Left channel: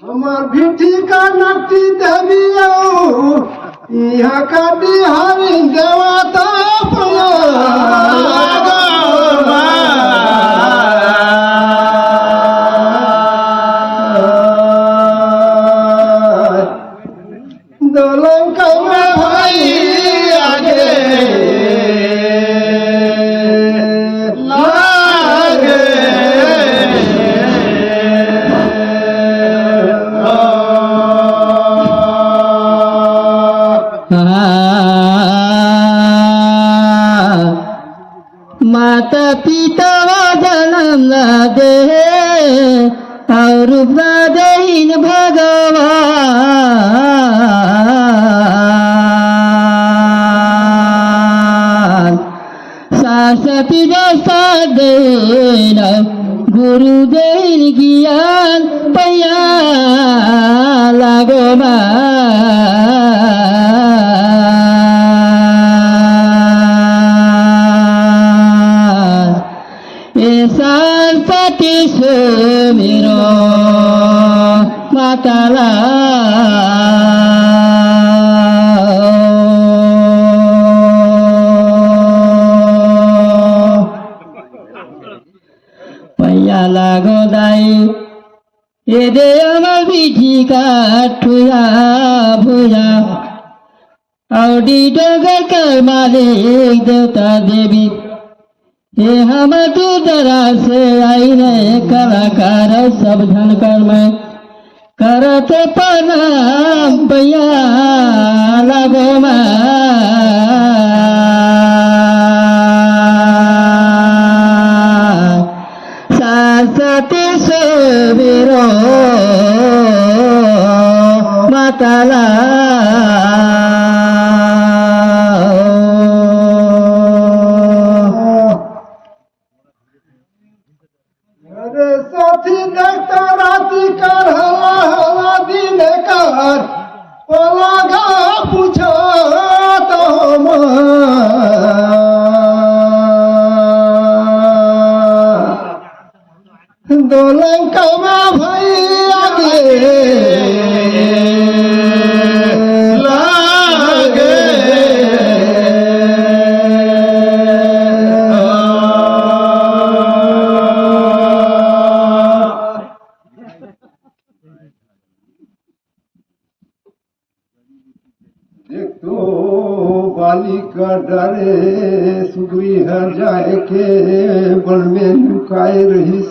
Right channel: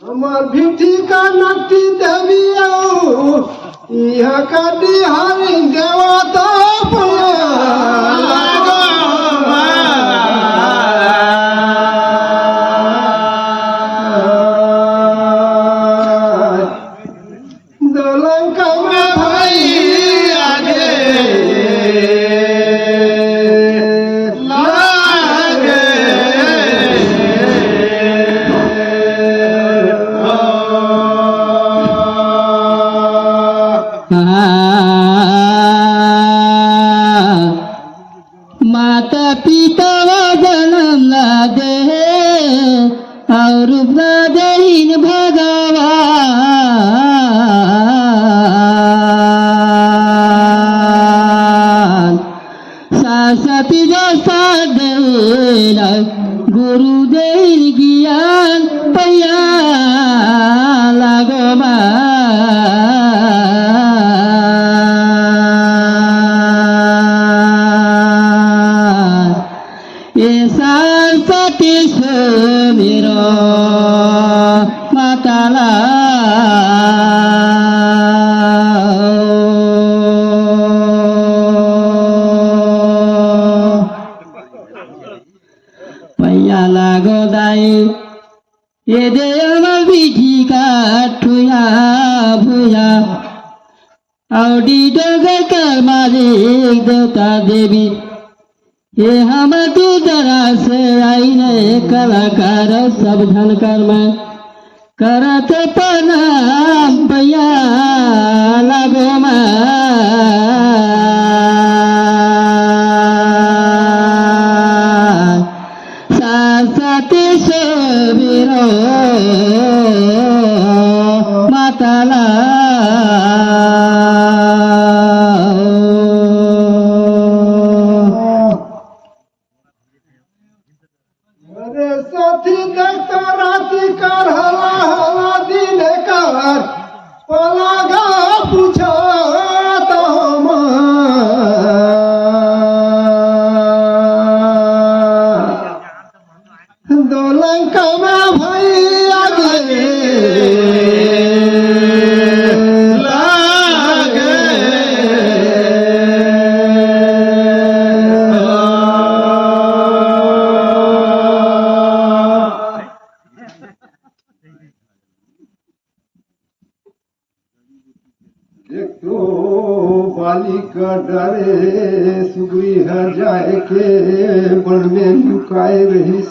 আমার ভিঠিকা নাটি দেবিও ইহা কাটি হারি দেওয়াতা দলঙ্কা মে ভাই আগে লাগে माता पिता जन्म दे और दीन भगवान सरस्वती दे गुरु दे ज्ञान पैया लगना सरस्वती से मेरो माताला पैया लागो दाई ए दे अमर बिठी का ठुया भुया औडी डगर कर मालिक देवता देवी ये हमके दरा से आईने कलाकार सब धन कर्म करते प्रणाम पैया लगमा सरस्वती से मेरो माताला साथी देखता राती कर हला हला दिन कर पलागा पूछा तो दलंका में भाई आगे एक तो बालिका डरे सुगुई हर जाए के वन में लुकाए रही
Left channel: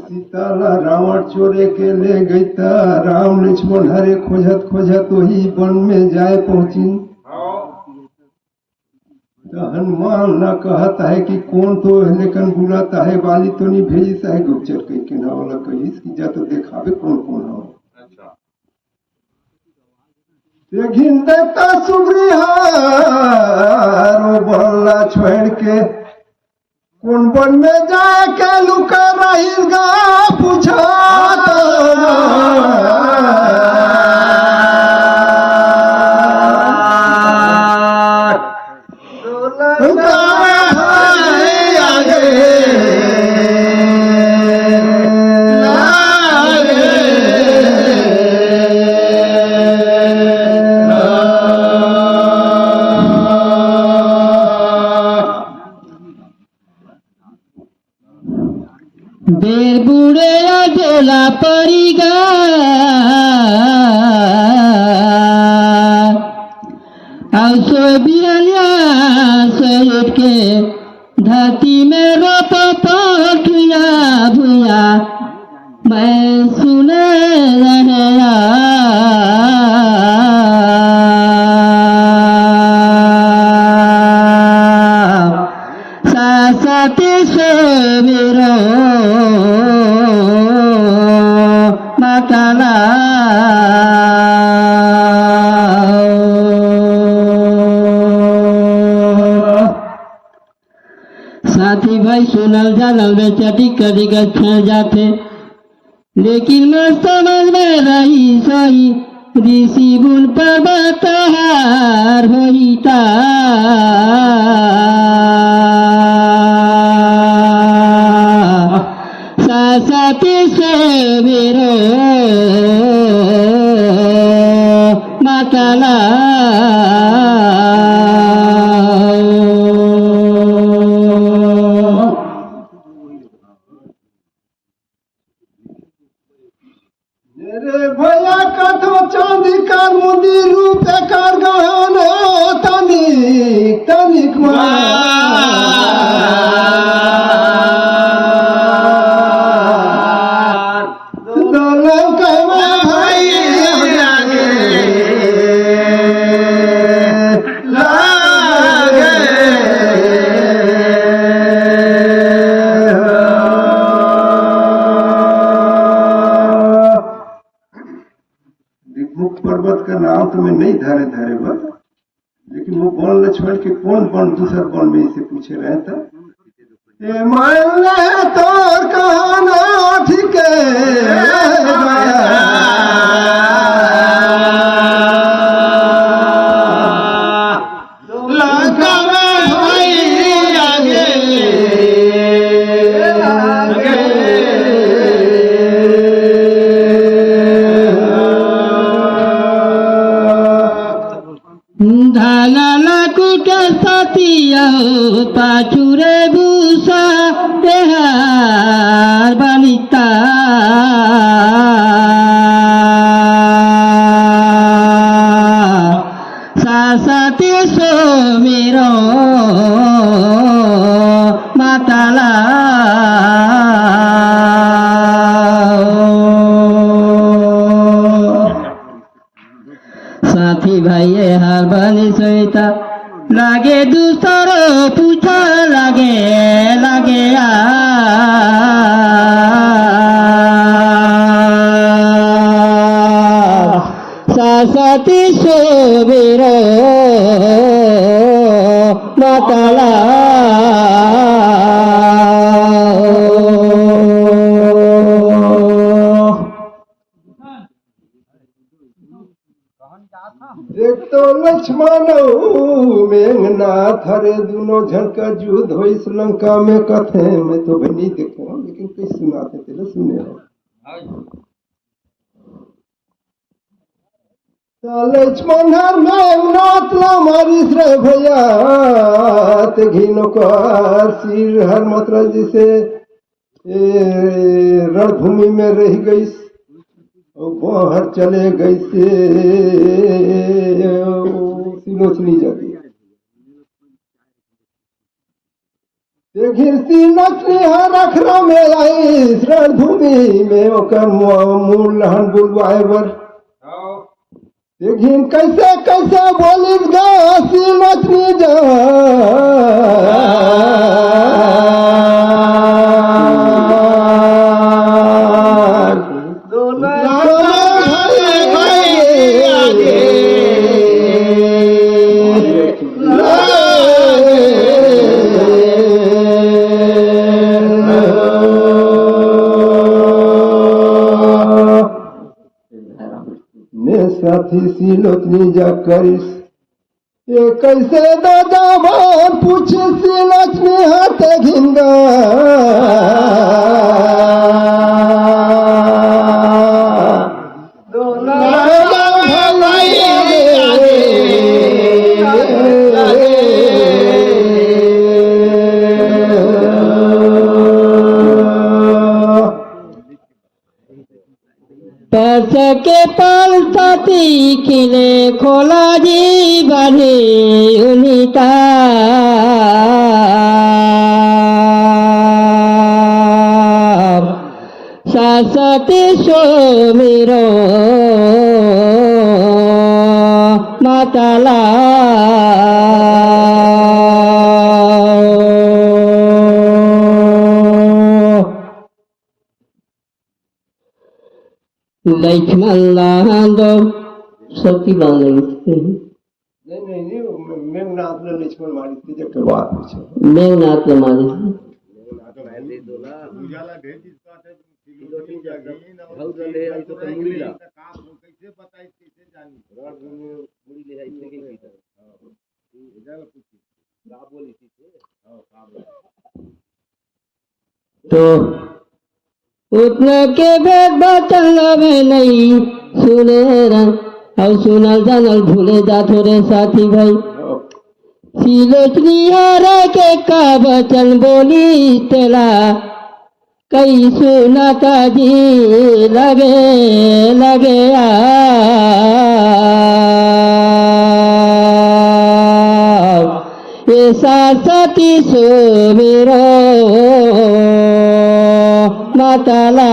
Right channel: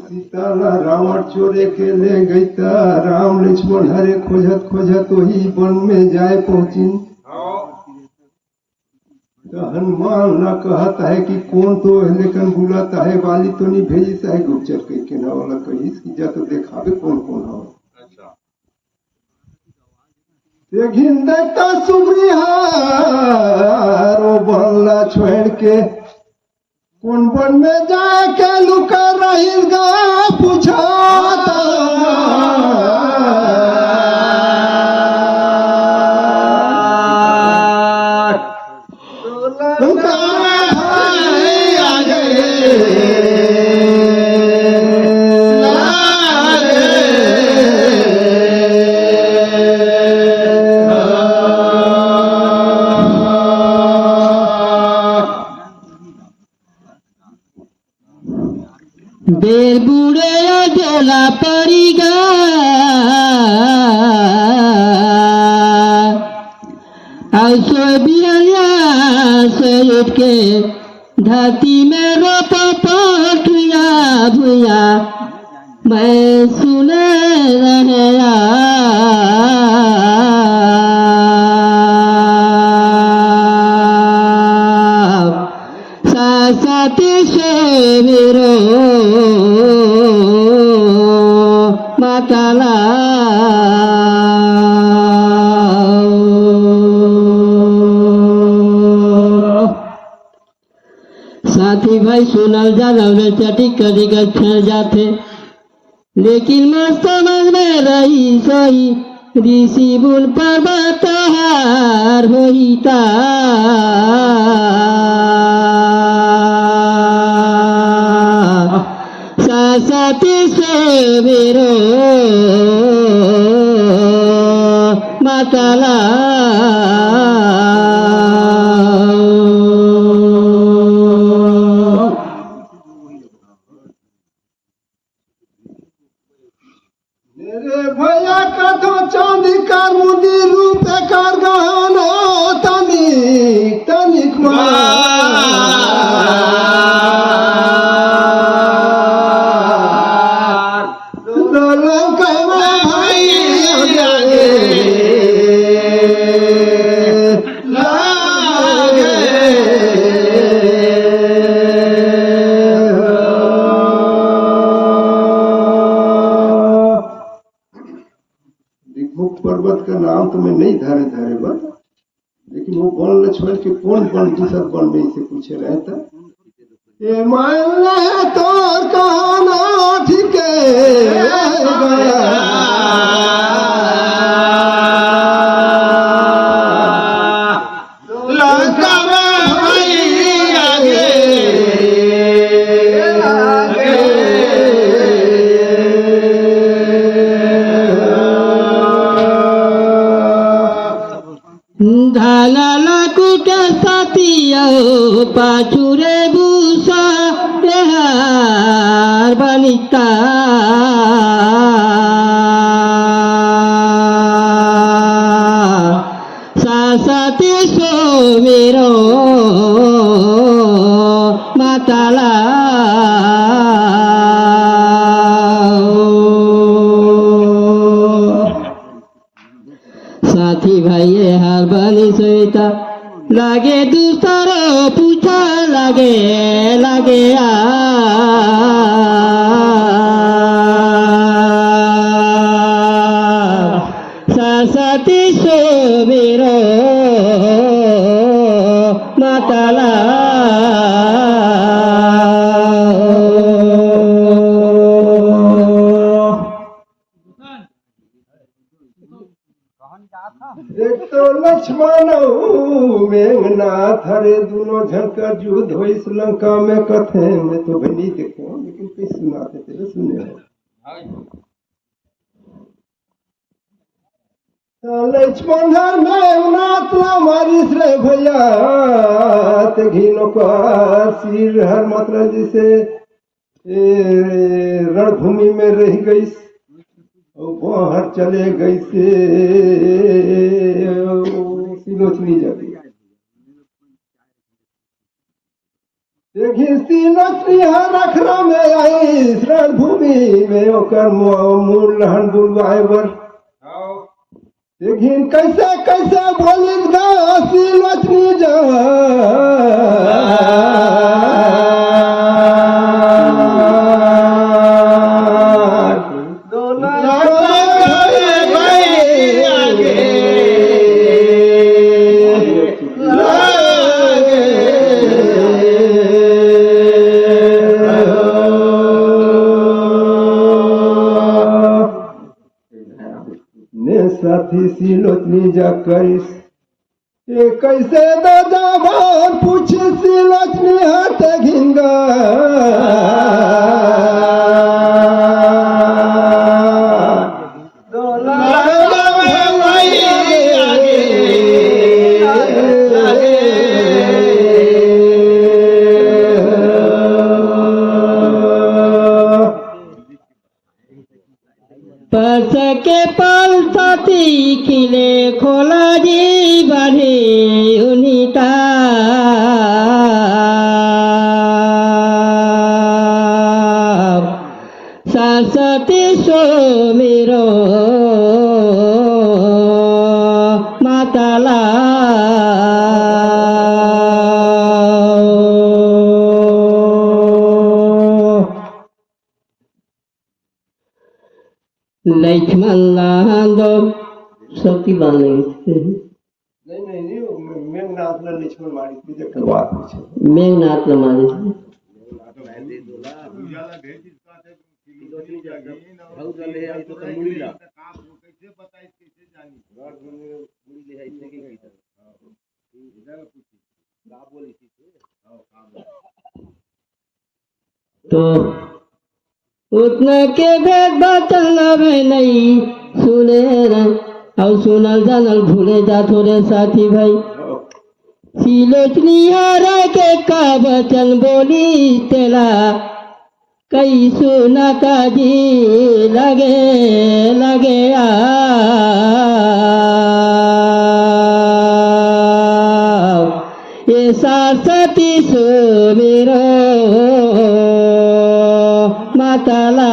सीता रावण चोरे के ले गई था राम लक्ष्मण हरे खोजत खोजत वही वन में जाए पहुंची तो हनुमान न कहता है कि कौन तो लेकिन बुलाता है वाली तो नहीं भेजता है गुप्तचर के किना वाला कही जा तो देखावे कौन कौन हो लेकिन देखता सुग्री हारो बोला छोड़ के कौन बन में जाए के लुका रहेगा पूछा बेल बुढ़े अकेला परिगा ऐसे बिरलिया से उठ के धरती में रोता पठुया भुया मैं सुने नया सरस्वती से मेरो माताला साथी भाई सुनल जानल में चटिक कदी गच्छल जाते लेकिन मस्त समझ में रही सही ऋषि बुल पर्वत हार होईता सरस्वती से मेरो माताला मेरे भैया कथो चांदी कर मुदी रूप कर गहनो तनिक तनिक मुख पर्वत का नाम तो मैं नहीं धारे धारे बा, लेकिन वो बन ल छोड़ के कौन कौन दूसरा कौन में से पूछे रहे था ए मान ले तोर कहना ठीक धाला कुट सतिया पाचुरे भूसा देहार बलिता सासती सो मेरो माताला साथी भाई हर बलि सहिता लागे दूसर पूछा लागे लागे सरस्वती से मेरो माताला एक तो लक्ष्मण मेघनाथ हरे दोनों झंका युद्ध हो इस लंका में कथे में तो भी नहीं देखे लेकिन किस सुनाते थे सुने लक्ष्मण मेघनाथ मारिस रे भैया ते घिनो कर सिर हर मतलब जैसे रणभूमि में रह गई बाहर चले गए से सिलोचनी जाती देखिए सिलोचनी हर अखरा में आई रणभूमि में ओकर मूल लहन बुलवाए बर देखिए कैसे कैसे बोलिस गा सिलोचनी जा साथी सिलोचनी जा करिस ये कैसे दादा भान पूछे सिलोचनी हाथे घिंगा परस के पालती किले खोला जी बढ़े उनिता सरस्वती सो मेरो माताला लक्ष्मण लांदो सती बांधे नहीं मेघनाथ ने लक्ष्मण मारी थी जब के बात पूछे मेघनाथ ने मारे तो उतने के भेद बचल में नहीं सुने और सुनल जानल भूले जा थोड़े साथी भाई सिलोचनी हरा के का बचन बोली तेला कई सुना का जी लगे लगे ये साथी सो मेरो माताला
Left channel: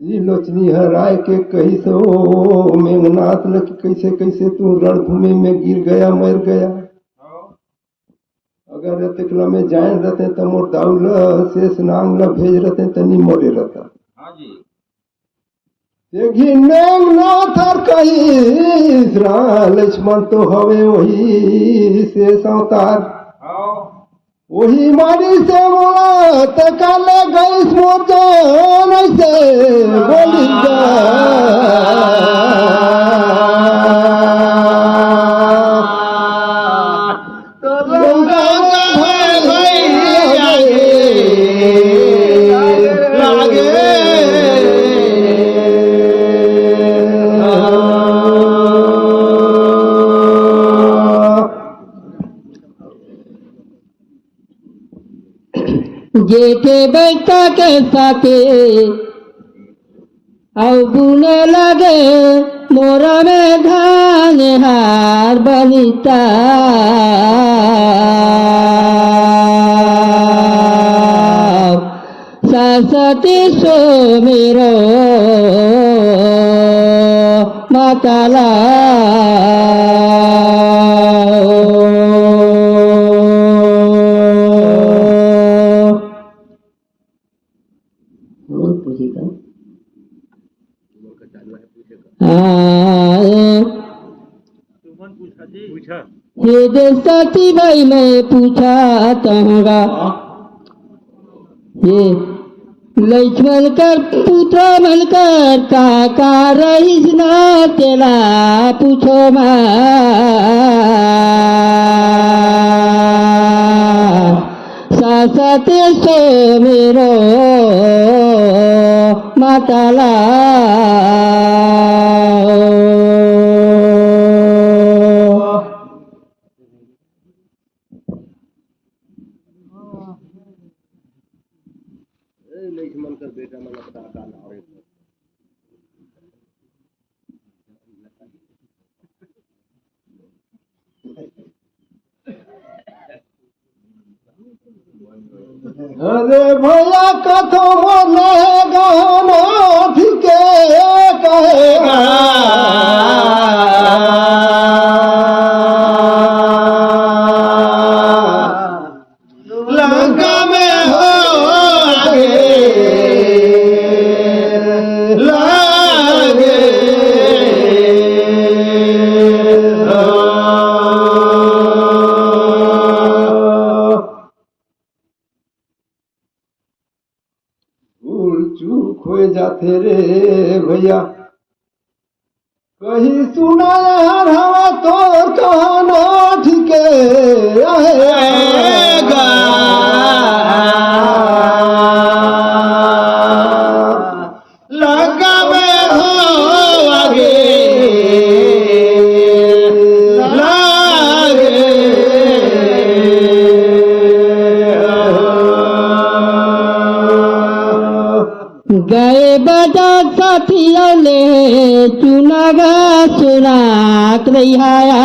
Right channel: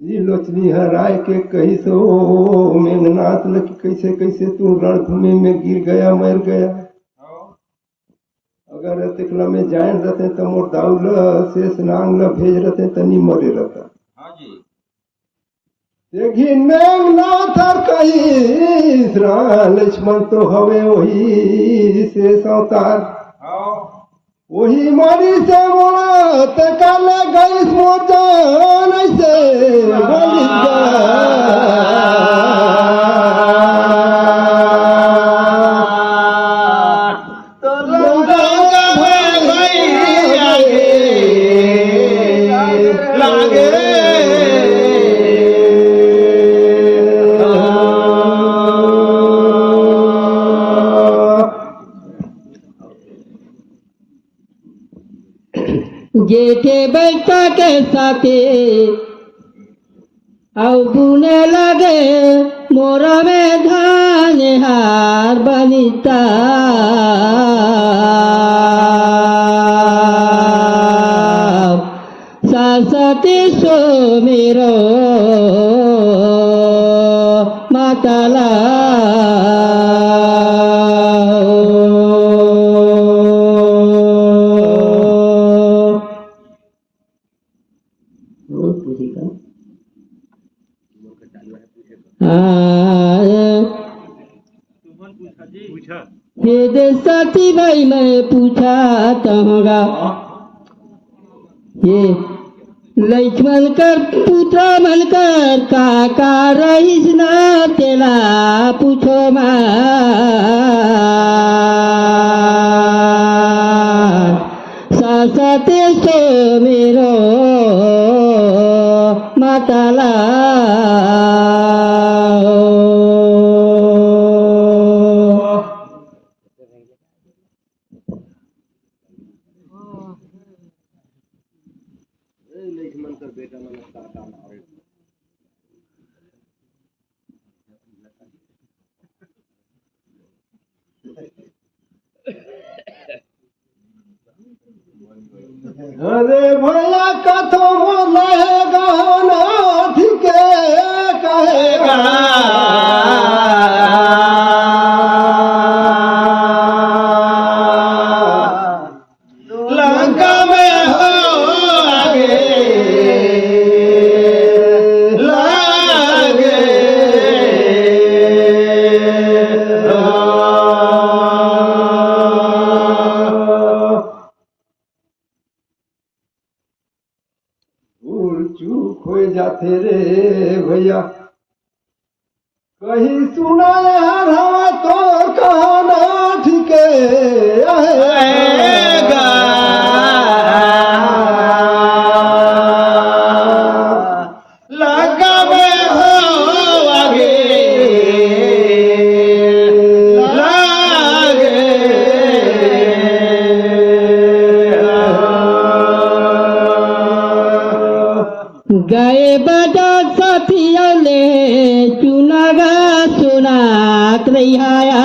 लोचनी हराय के कही से ओ मेघनाथ लग कैसे कैसे तू रणभूमि में गिर गया मर गया अगर तिकला में जान रहते तो मोर दाउल शेष नांग ल भेज रहते तनी मोरे रहता देखी मेघनाथ और कही लक्ष्मण तो हवे वही शेष अवतार वही मारी से मोला तकाल गईस मोर जान से बोली जेठे बैठा के साथे और बुने लगे मोरा में धान हार बनिता सरस्वती सो मेरो माताला ये साथी भाई मैं पूछा कहूँगा ये लक्ष्मण कर पुत्र बनकर काका रईस ना तेला पूछो माँ सासते से मेरो माताला अरे भैया कथो बोले गाना ठीके कहेगा लंका में हो लागे चूक हो जाते रे भैया कहीं सुना हवा तो कहना ठीके आएगा लगा में हो आगे गए बाजार साथियों ने चुनागा सुनात नहीं आया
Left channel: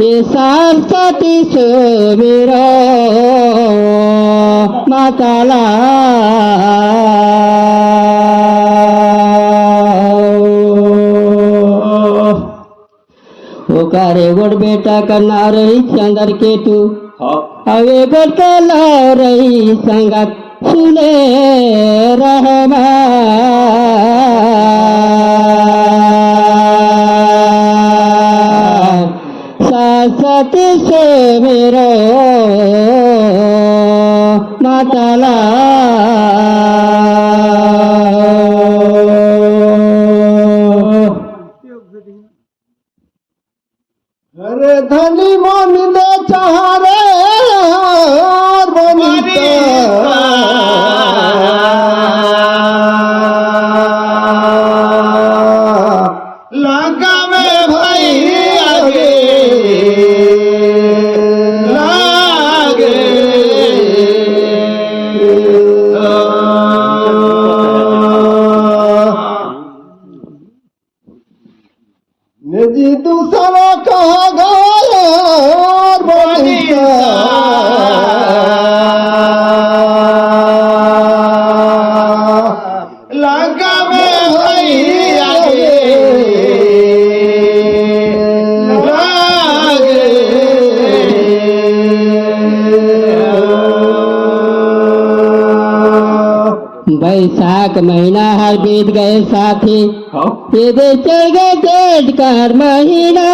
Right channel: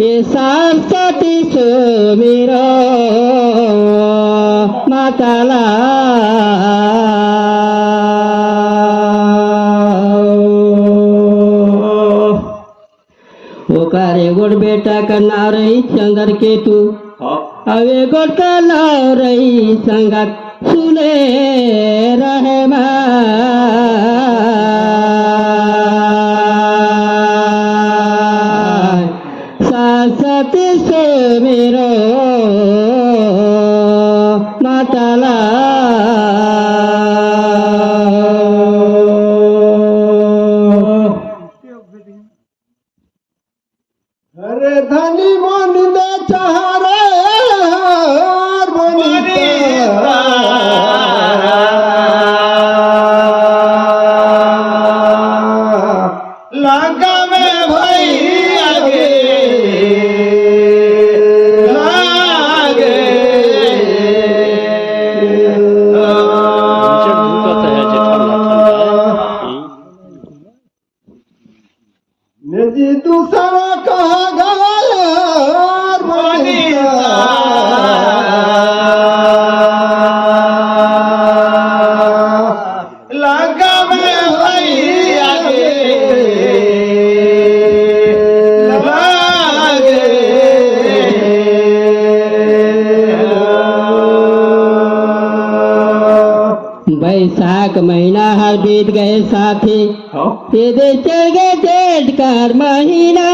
ये साथी से मेरा माताला गोड़ बेटा का ना रही चंदर केतु अवे गोड़ का ला रही संगत सुने रहमा सासती से मेरो माताला अरे धनी मन ले चाहरे बनीता लगा में भाई आगे लागे निजी दूसरा कहा गया बनीता लगा में भाई आगे बैसाख महीना हर बीत गए साथी ये देखे गए जेठ कर महीना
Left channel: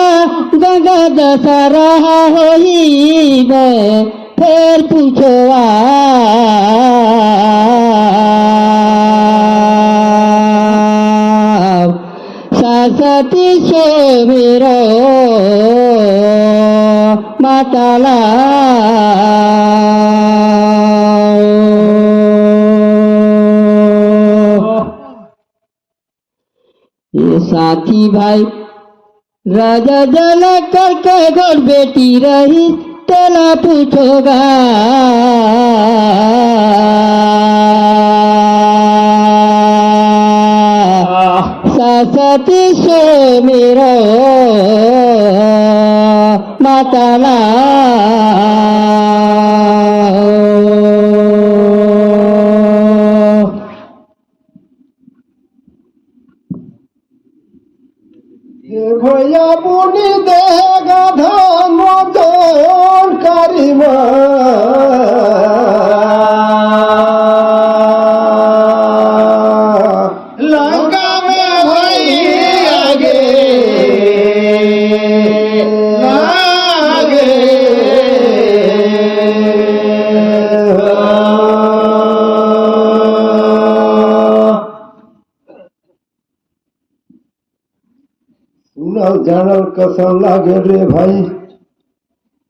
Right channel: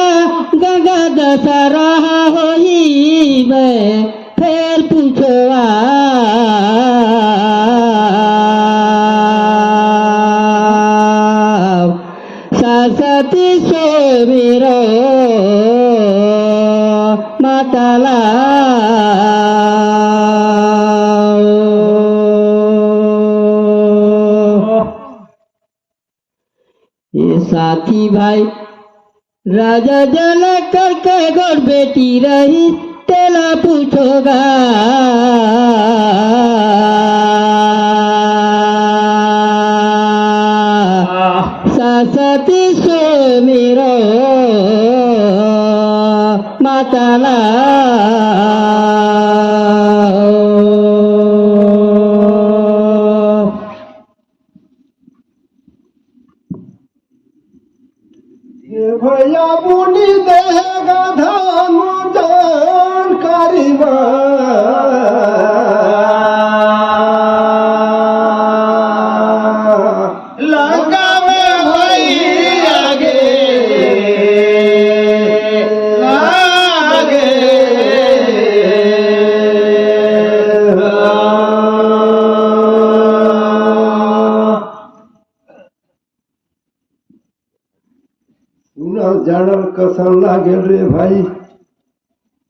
गंगा दशहरा होई गए फिर पूछो सरस्वती से मेरो माताला ये साथी भाई राजा जल करके गोड़ बेटी रही तेला पूछोगा सरस्वती से मेरो माताला भैया बुनी देगा धान मोजन करीमा लगा में भाई आगे लागे सुनल जानल कसम लागे रे भाई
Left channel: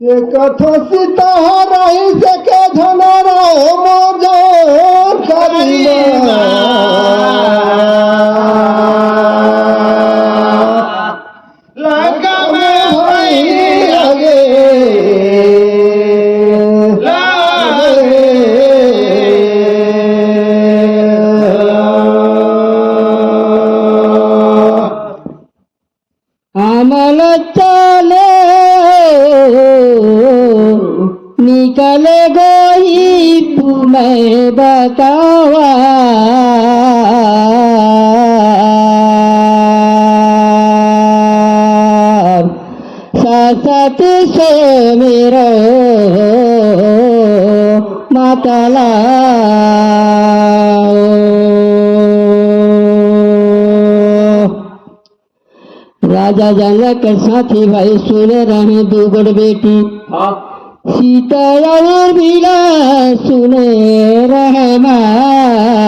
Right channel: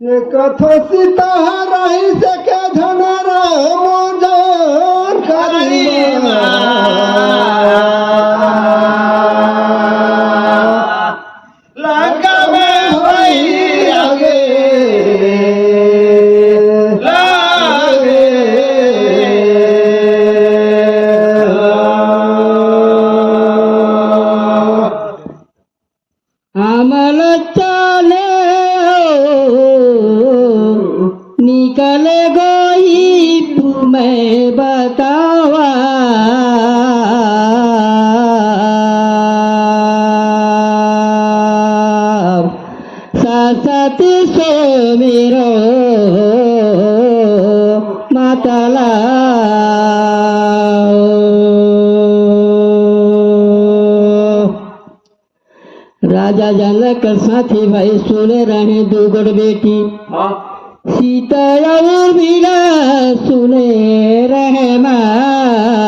ये कथो सीता रही से के झनरा मोजन करीमा लगा में भाई आगे अमल चले निकले गई तुम्हें बतावा सरस्वती से मेरो माताला राजा जनक साथी भाई सुने रहे दो गोड़ बेटी सीता और बीरा सुने रहे माँ